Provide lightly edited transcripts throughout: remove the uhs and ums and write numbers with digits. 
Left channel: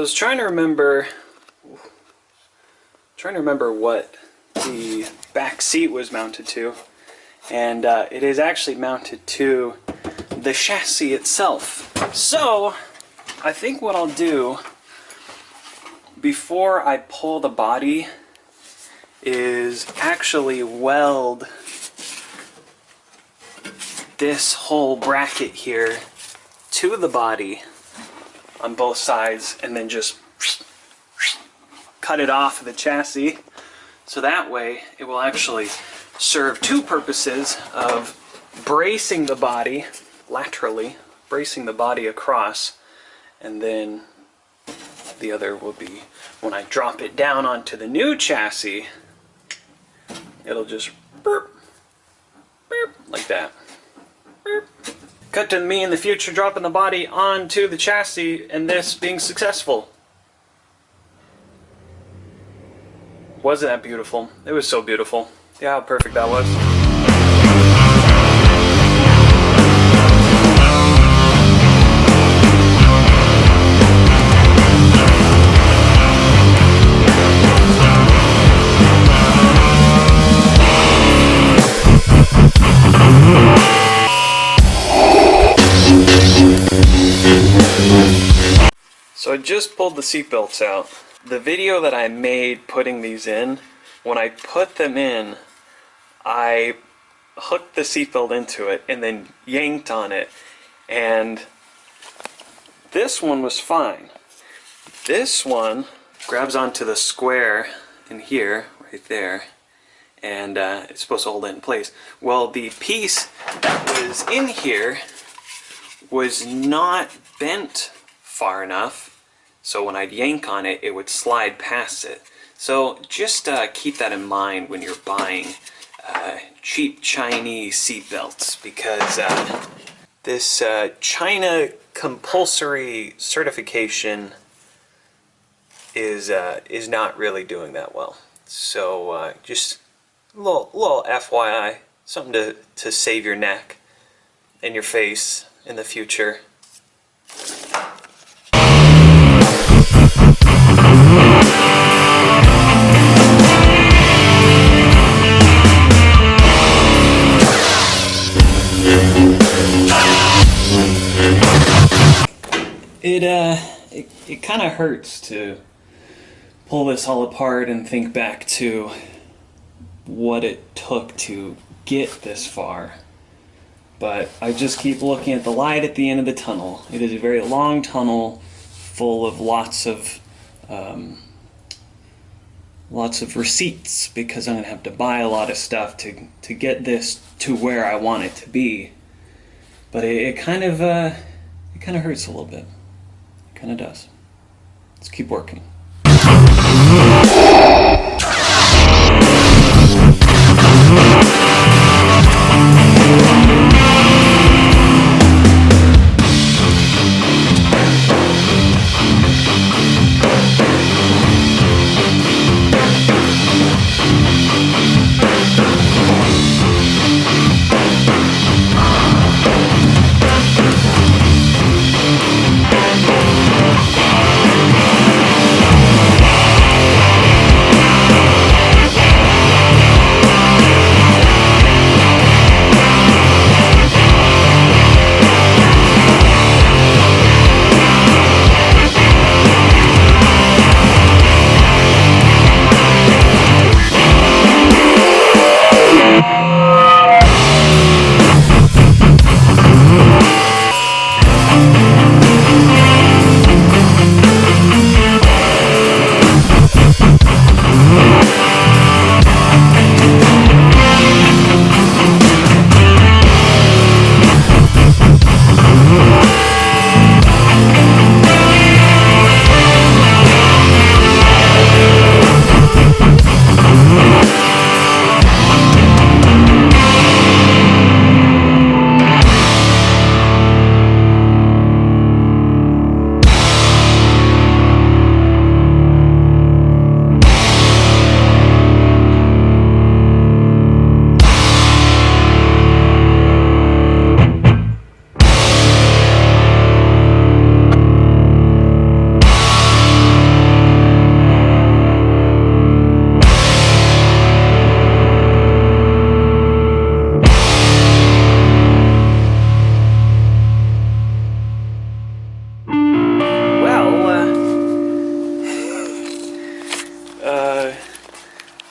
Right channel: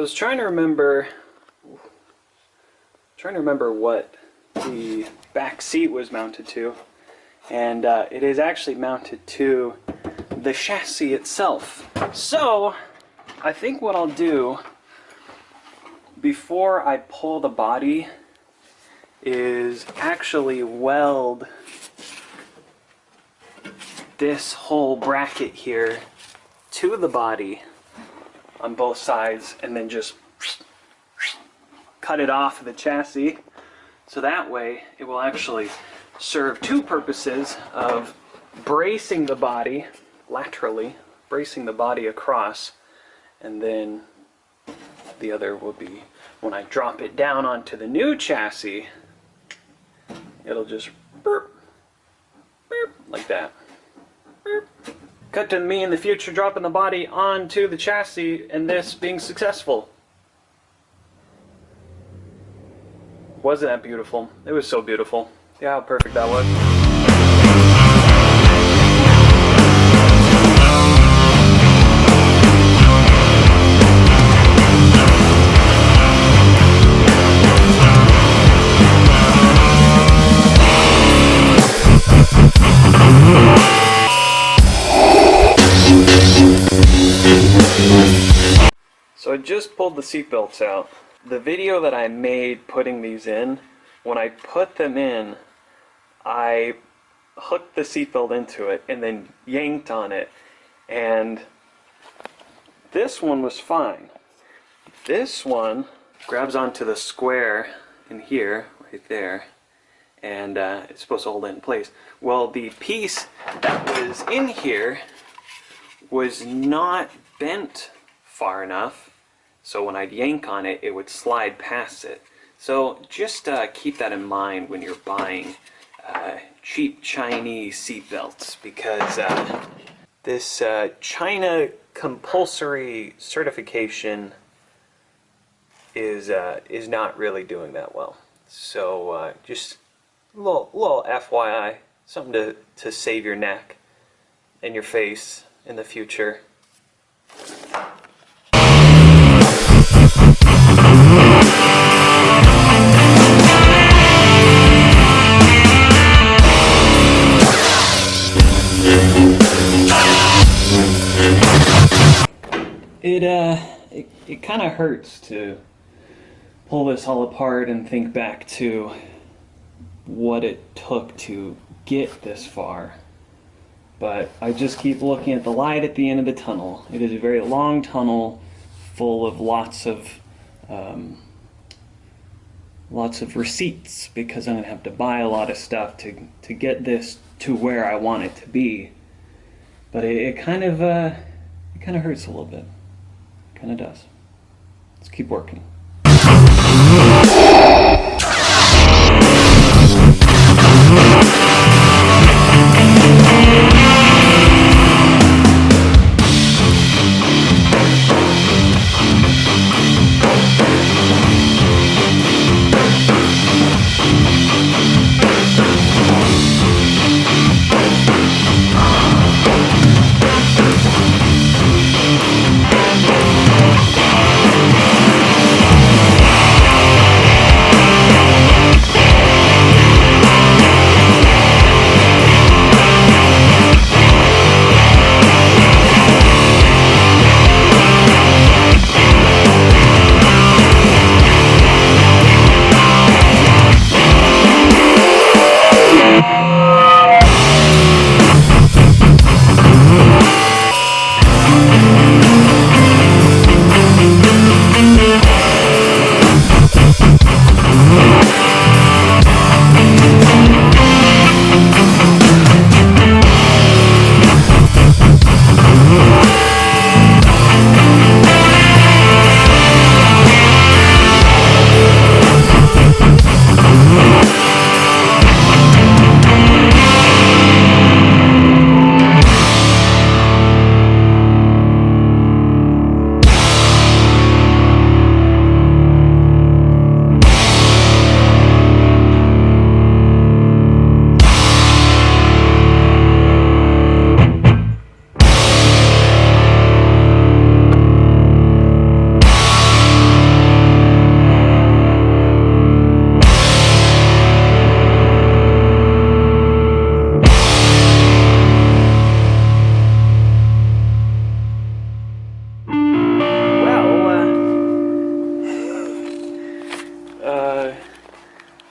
I was trying to remember what the back seat was mounted to, and it is actually mounted to the chassis itself. So I think what I'll do before I pull the body is actually weld this whole bracket here to the body on both sides, and then just cut it off of the chassis, so that way it will actually serve two purposes of bracing the body laterally, bracing the body across, and then the other will be when I drop it down onto the new chassis, it'll just burp, burp, like that. Burp. Cut to me in the future dropping the body onto the chassis and this being successful. Wasn't that beautiful? It was so beautiful. Yeah, how perfect that was. So I just pulled the seat belts out. The video that I made putting these in, when I put them in, I hooked the seatbelt into it and then yanked on it, and this one was fine. This one grabs onto the square in here, right there, and it's supposed to hold it in place. Well, the piece that was in here was not bent far enough, so when I'd yank on it, it would slide past it. So just keep that in mind when you're buying cheap Chinese seat belts, because this China compulsory certification is not really doing that well. So just a little FYI, something to save your neck and your face in the future. It kind of hurts to pull this all apart and think back to what it took to get this far. But I just keep looking at the light at the end of the tunnel. It is a very long tunnel full of lots of receipts, because I'm gonna have to buy a lot of stuff to get this to where I want it to be. But it kind of hurts a little bit. It kind of does. Let's keep working.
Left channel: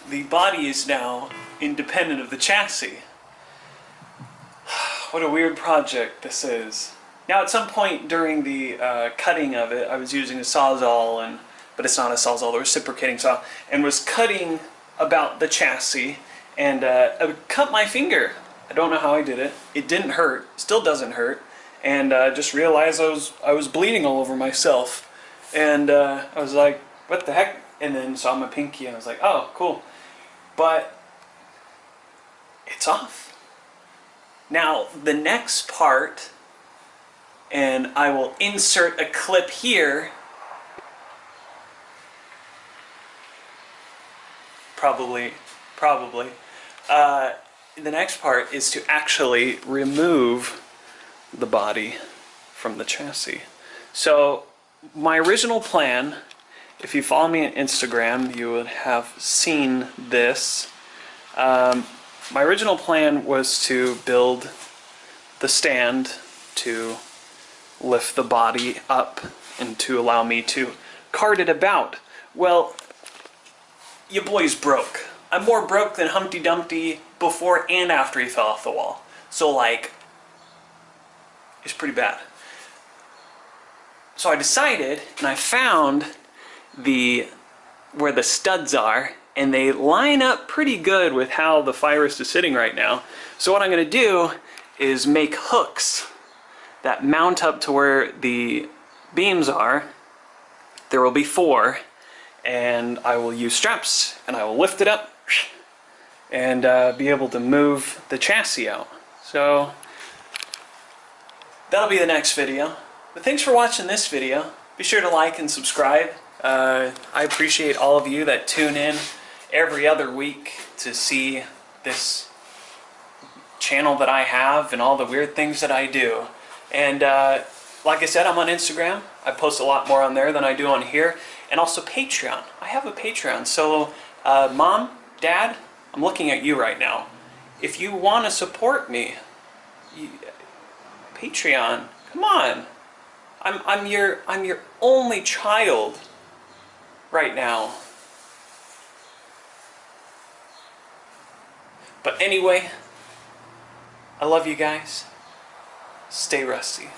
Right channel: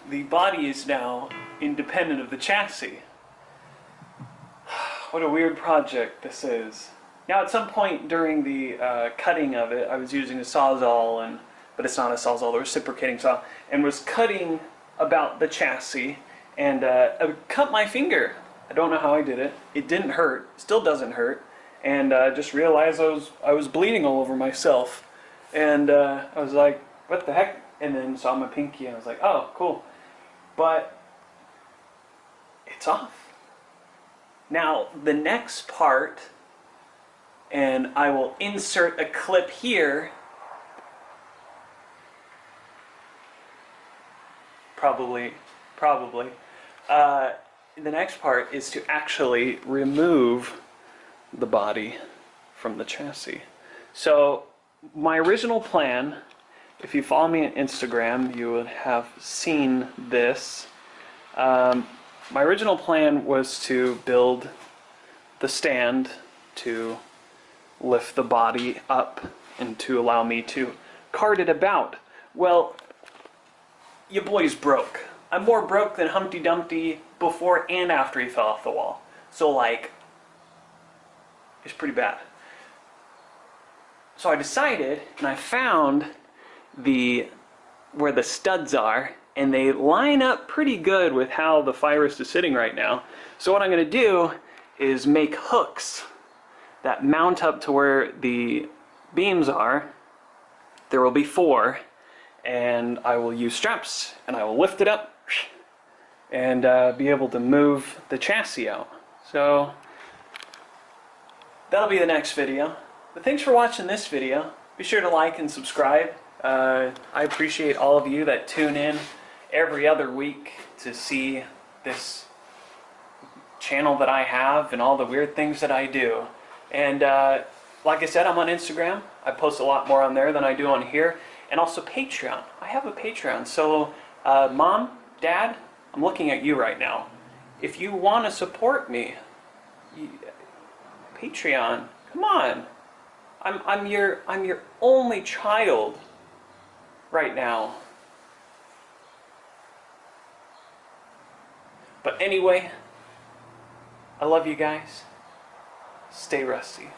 the body is now independent of the chassis. What a weird project this is. Now at some point during the cutting of it, I was using a Sawzall, but it's not a Sawzall, a reciprocating saw, and was cutting about the chassis, and I cut my finger. I don't know how I did it. It didn't hurt, still doesn't hurt, and just realized I was bleeding all over myself. And I was like, what the heck? And then saw my pinky and I was like, oh, cool. But it's off. Now, the next part, and I will insert a clip here, probably, the next part is to actually remove the body from the chassis. So, my original plan, if you follow me on Instagram, you would have seen this. My original plan was to build the stand to lift the body up and to allow me to cart it about. Well, your boy's broke. I'm more broke than Humpty Dumpty before and after he fell off the wall. So, like, it's pretty bad. So I decided, and I found where the studs are, and they line up pretty good with how the Firest is sitting right now. So what I'm going to do is make hooks that mount up to where the beams are. There will be 4, and I will use straps, and I will lift it up and be able to move the chassis out. So that'll be the next video. But thanks for watching this video. Be sure to like and subscribe. I appreciate all of you that tune in every other week to see this channel that I have and all the weird things that I do. And like I said, I'm on Instagram. I post a lot more on there than I do on here. And also Patreon. I have a Patreon. So Mom, Dad, I'm looking at you right now. If you want to support me, Patreon, come on. I'm your only child right now. But anyway, I love you guys. Stay rusty.